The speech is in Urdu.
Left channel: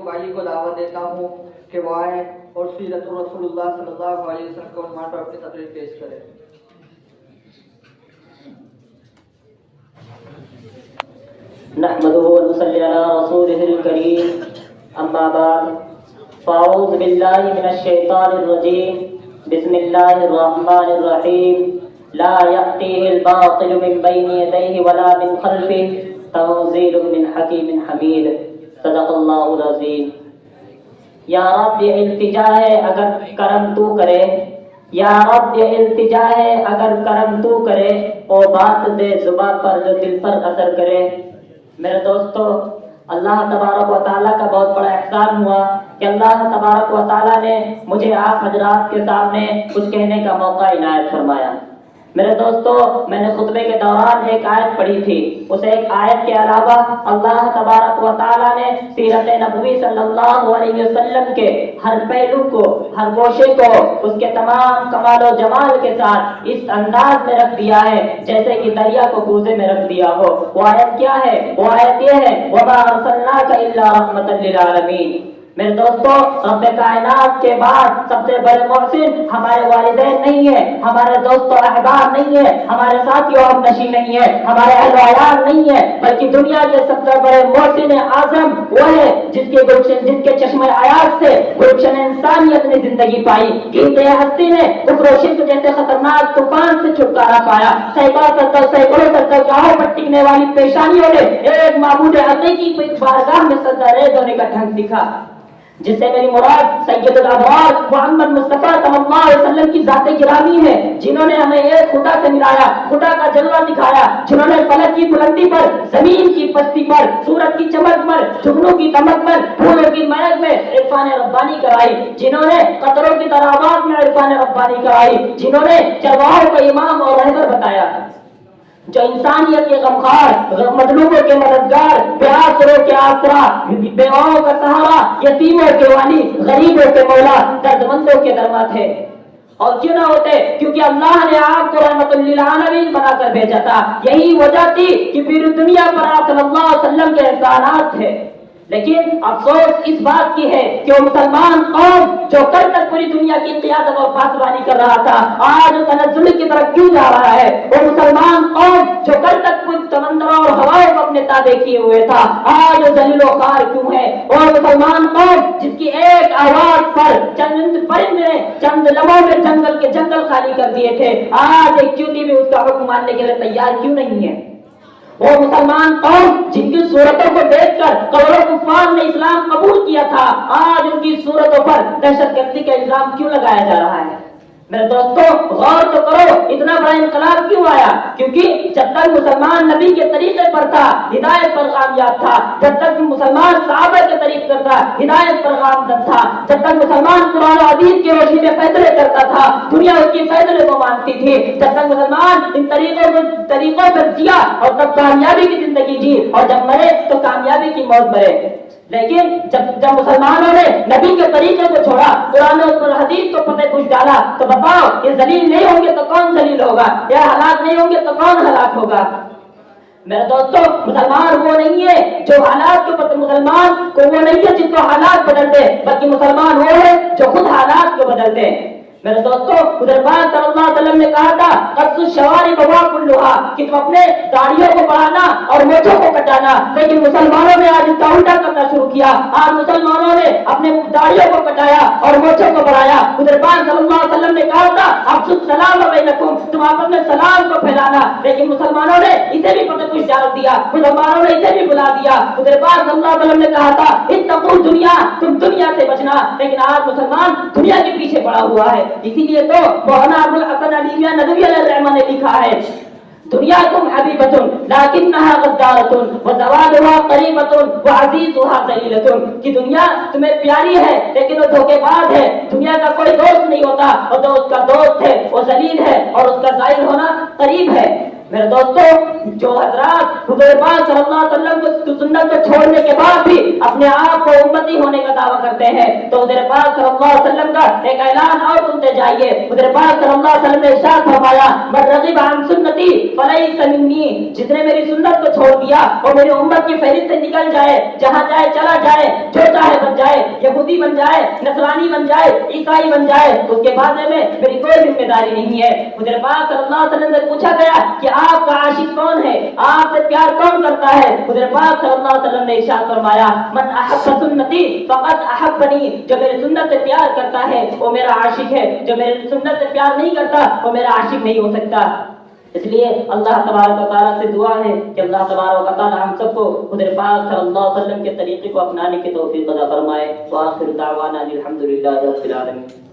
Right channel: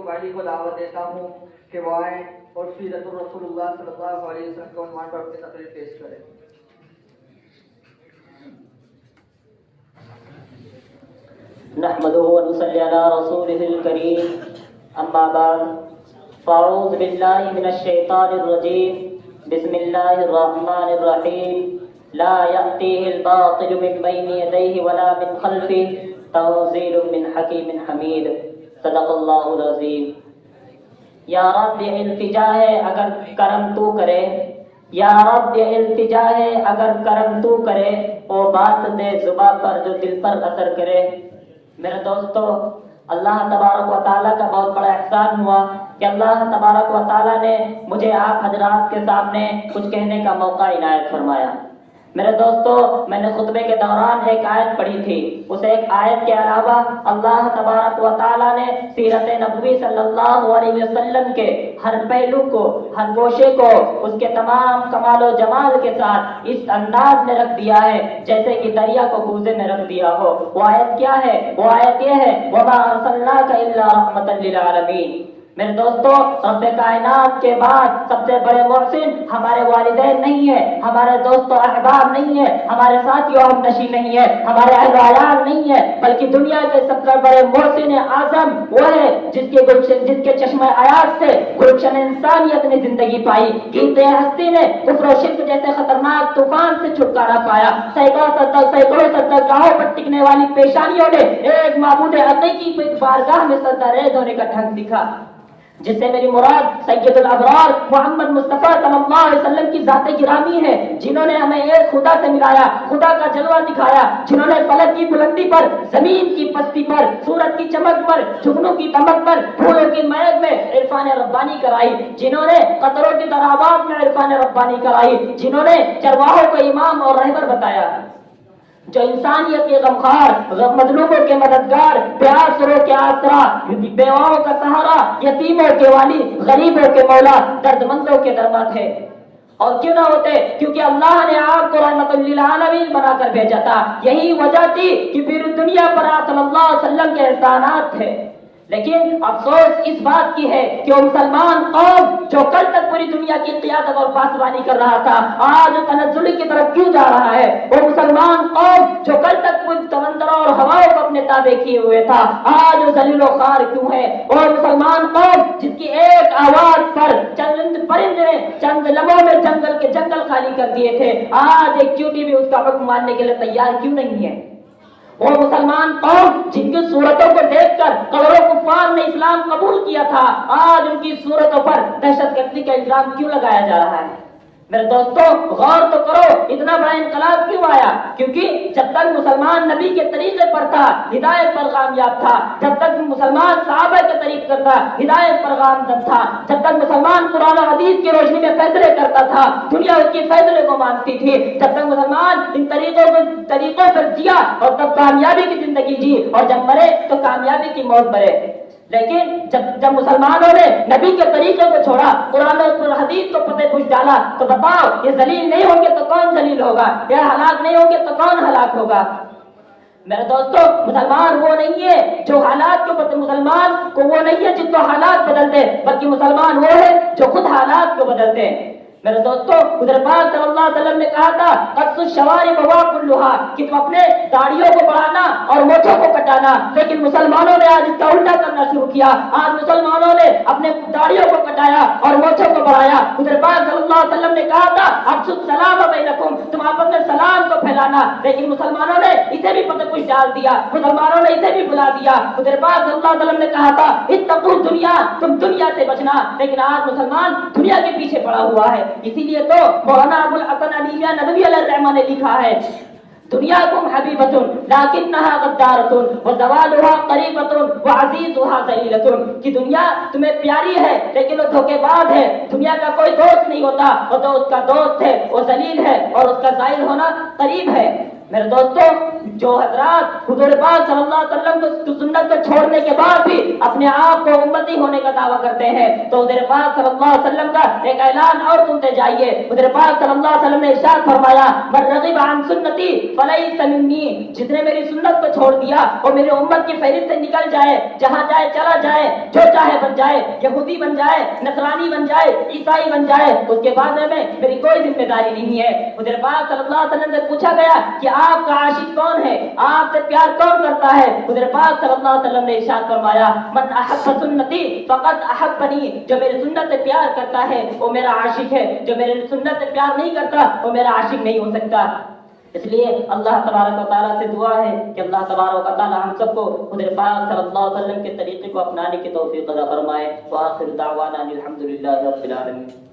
تو بھائی کو دعوت دیتا ہوں کہ وہ آئے اور سیرت رسول اللہ صلی اللہ علیہ وسلم کو عنوان پر اپنی تقریر پیش کرے. نحمده ونصلي على رسوله الكريم اما بعد فاعوذ بالله من الشيطان الرجيم بسم الله الرحمن الرحيم لا يأتيه الباطل من بين يديه ولا من خلفه تنزيل من حكيم حميد صدق اللہ العظیم. یا رب یہ التجا ہے اگر کرم تو کرے، یا رب یہ التجا ہے اگر کرم تو کرے، وہ بات دے زباں پر جو دل پر اثر کرے. میرے دوستو، اللہ تبارک و تعالیٰ کا بہت بڑا احسان ہوا کہ اللہ تبارک و تعالیٰ نے مجھے آپ حضرات کے سامنے کچھ کہنے کا موقع عنایت فرمایا. میرے دوستو، میں نے خطبے کے دوران ایک آیت پڑھی تھی. اس ایک آیت کے علاوہ اللہ تبارک و تعالیٰ نے سیرت نبوی صلی اللہ علیہ وسلم کے ہر پہلو کو، ہر گوشے کو اس کے تمام کمال و جمال کے ساتھ اس انداز میں رکھ دیا ہے جیسے کہ دریا کو کوزے میں رکھ دیا ہو. وہ آیت کیا ہے؟ وہ آیت یہ ہے وَمَا أَرْسَلْنَاكَ إِلَّا رَحْمَةً لِّلْعَالَمِينَ. میرے دوستو، رب کائنات کے بعد سب سے بڑے محسن ہمارے والدین نہیں ہے، ہمارے دوست و احباب نہیں ہے، ہمارے ساتھی و ہم نشی نہیں ہے، ہمارے اہل و عیال نہیں ہے، بلکہ دنیا کے سب سے بڑے محسن اعظم وہ ہے جس کے چشمہ حیات سے گلشن انسانیت نے زندگی پائی. قیمت ہستی نے کفر و شرک جیسے خطرناک طوفان سے چھٹکارا پایا. سینکڑوں گاہوں پر ٹکنے والی پیشانیوں نے ایک معبود حقیقی کی بارگاہ میں سجدہ ریز ہونے کا ڈھنگ دکھا، جس سے میری مراد سید الابرار محمد مصطفیٰ صلی اللہ علیہ وسلم کی ذات گرامی ہے، جنہوں نے ہمیں ایک خدا سے ملایا، خدا کا جلوہ دکھایا، جنہوں نے فلک کی بلندی پر، زمین کی پستی پر، سورج کی چمک پر، جھگنوں کی دمک پر، پھولوں کی مہک میں عرفان ربانی کرائی، جنہوں نے قطروں کی تراوات میں عرفان ربانی کرائی، جنہوں نے چرواہوں کا امام اور رہبر بتایا، جو انسانیت کے غمخوار، مظلوموں کے مددگار، پیاسروں کے آسرا، بیواؤں کا سہارا، یتیموں کے والی، غریبوں کے مولا، درد مندوں کے درما تھے. اور کیوں نہ ہوتے؟ کیونکہ اللہ نے آپ کو رحمت للعالمین بنا کر بھیجا تھا. یہی وجہ تھی کہ پوری دنیا پر آپ صلی اللہ علیہ وسلم کے احسانات تھے. لیکن افسوس اس بات کی ہے کہ وہ مسلمان قوم جو کل تک پوری دنیا کی قیادت اور پاسبانی کر رہا تھا، آج تنزل کی طرف کیوں جا رہا ہے؟ وہ مسلمان قوم جو کل تک پوری سمندروں اور ہوائوں کو اپنے تابع کیے ہوئے تھا، آج ذلیل و خوار کیوں ہے؟ اور مسلمان قوم جس کی ایک آواز پر چند پرندے نے چند لمحوں میں جنگل کے جنگل خالی کر دیے تھے، آج ایک چیونٹی بھی اس کا حکم ماننے کے لیے تیار کیوں نہیں ہے؟ وہ مسلمان قوم جن کی صورتوں کو دیکھ کر کروڑوں کفار نے اسلام قبول کیا تھا، آج ان کی صورتوں پر دہشت گردی کا الزام کیوں لگایا جا رہا ہے؟ میرے دوستو، غور تو کرو، اتنا بڑا انقلاب کیوں آیا؟ کیونکہ جب تک مسلمان نبی کے طریقے پر تھا، ہدایت پر کامیاب تھا. جب تک مسلمان صحابہ کے طریقے پر تھا، ہدایت پر کامیاب تھا. جب تک مسلمان قرآن و حدیث کی روشنی میں فیصلے کرتا تھا، دنیا اس کی فیصلے کو مانتی تھی. جب تک مسلمان ان طریقوں پر جیا اور تب کامیابی کی زندگی جی، اور جب مرے تو کامیابی کی موت مرے. لیکن جب مسلمانوں نے نبی کے طریقے کو چھوڑا، قرآن اور حدیث کو پتہ کچھ ڈالا، تو بتاؤ یہ ذلیل نہیں ہوں گے تو کون ذلیل ہوگا؟ یہ ہلاک نہیں ہوں گے تو کون ہلاک ہوگا؟ میرے دوستو، مسلمان وہ نہیں ہے جو حالات کے اوپر، مسلمان کو وہ نہیں ہے جن کو حالات بدلتے، بلکہ مسلمان وہ ہے جو خود حالات کو بدلتے ہیں. میرے دوستو، حضرت پاک صلی اللہ علیہ وسلم نے کہا تھا قص الشوارب کلھا، کہ تم اپنے داڑھیوں کو بڑھانا اور مونچھوں کو کٹانا. لیکن مسلمانوں نے آج اس کا الٹا کرنا شروع کیا. آج مسلمانوں نے اپنے داڑھیوں کو کٹایا اور مونچھوں کو بڑھایا. حضرت پاک صلی اللہ علیہ وسلم نے کہا تھا افشوا السلام بینکم، تم اپنے سلام کو پھیلانا. لیکن مسلمانوں نے اسے بھی پتہ کچھ ڈال دیا، مسلمانوں نے اسے بھی بلا دیا. حضرت پاک صلی اللہ علیہ وسلم نے کہا تھا اتقوا الدنیا، تم دنیا سے بچنا. لیکن آج مسلمان دنیا کے پیچھے پڑا ہوا ہے. اسی لیے تو مولانا ابو الحسن علی میاں ندوی علیہ الرحمہ نے لکھا ہے دنیاکم حبیبۃ لیکنھا غدارۃ وزوالھا قریبۃ وعزیزھا ذلیلۃ، کہ دنیا تمہیں پیاری ہے لیکن وہ دھوکے باز ہے. دنیا کا کوئی دوست نہیں ہوتا، اور جو اس کا دوست ہے وہ ذلیل ہے اور اس کا ظاہر ہونا قریب ہے. میرے دوستوں، جو حضرات حضور پاک صلی اللہ علیہ وسلم کو سنت کو چھوڑنے کے بعد بھی اپنے آپ کو امتی ہونے کا دعویٰ کرتے ہیں، تو حضور پاک صلی اللہ علیہ وسلم کا ایک اعلان اور سنتے جائیے۔ حضور پاک صلی اللہ علیہ وسلم نے ارشاد فرمایا، من رغب عن سنتی فلیس منی، جس نے میری سنت کو چھوڑ دیا وہ میری امت کی فہرست سے نکل جائے، جہاں جائے چلا جائے، جو چاہے بن جائے، یہودی بن جائے، نصرانی بن جائے، عیسائی بن جائے، اس کے بارے میں میری کوئی ذمہ داری نہیں ہے۔ حضور پاک صلی اللہ علیہ وسلم سے پوچھا گیا کہ آپ کا عاشق کون ہے، آپ سے پیار کون کرتا ہے؟ حضور پاک صلی اللہ علیہ وسلم نے ارشاد فرمایا، من احب سنتی فقد احبنی، جو میری سنت سے پیار کرتا ہے وہ میرا عاشق ہے، جو میری سنت سے پیار نہیں کرتا وہ میرا عاشق نہیں ہو سکتا۔ اس لیے اللہ تبارک و تعالیٰ سے دعا ہے کہ اللہ تبارک و تعالیٰ ہم سب کو حضور پاک صلی اللہ علیہ وسلم کے طریقے کو اپنانے کی توفیق عطا فرمائے۔ وآخر دعوانا الحمدللہ رب العالمین۔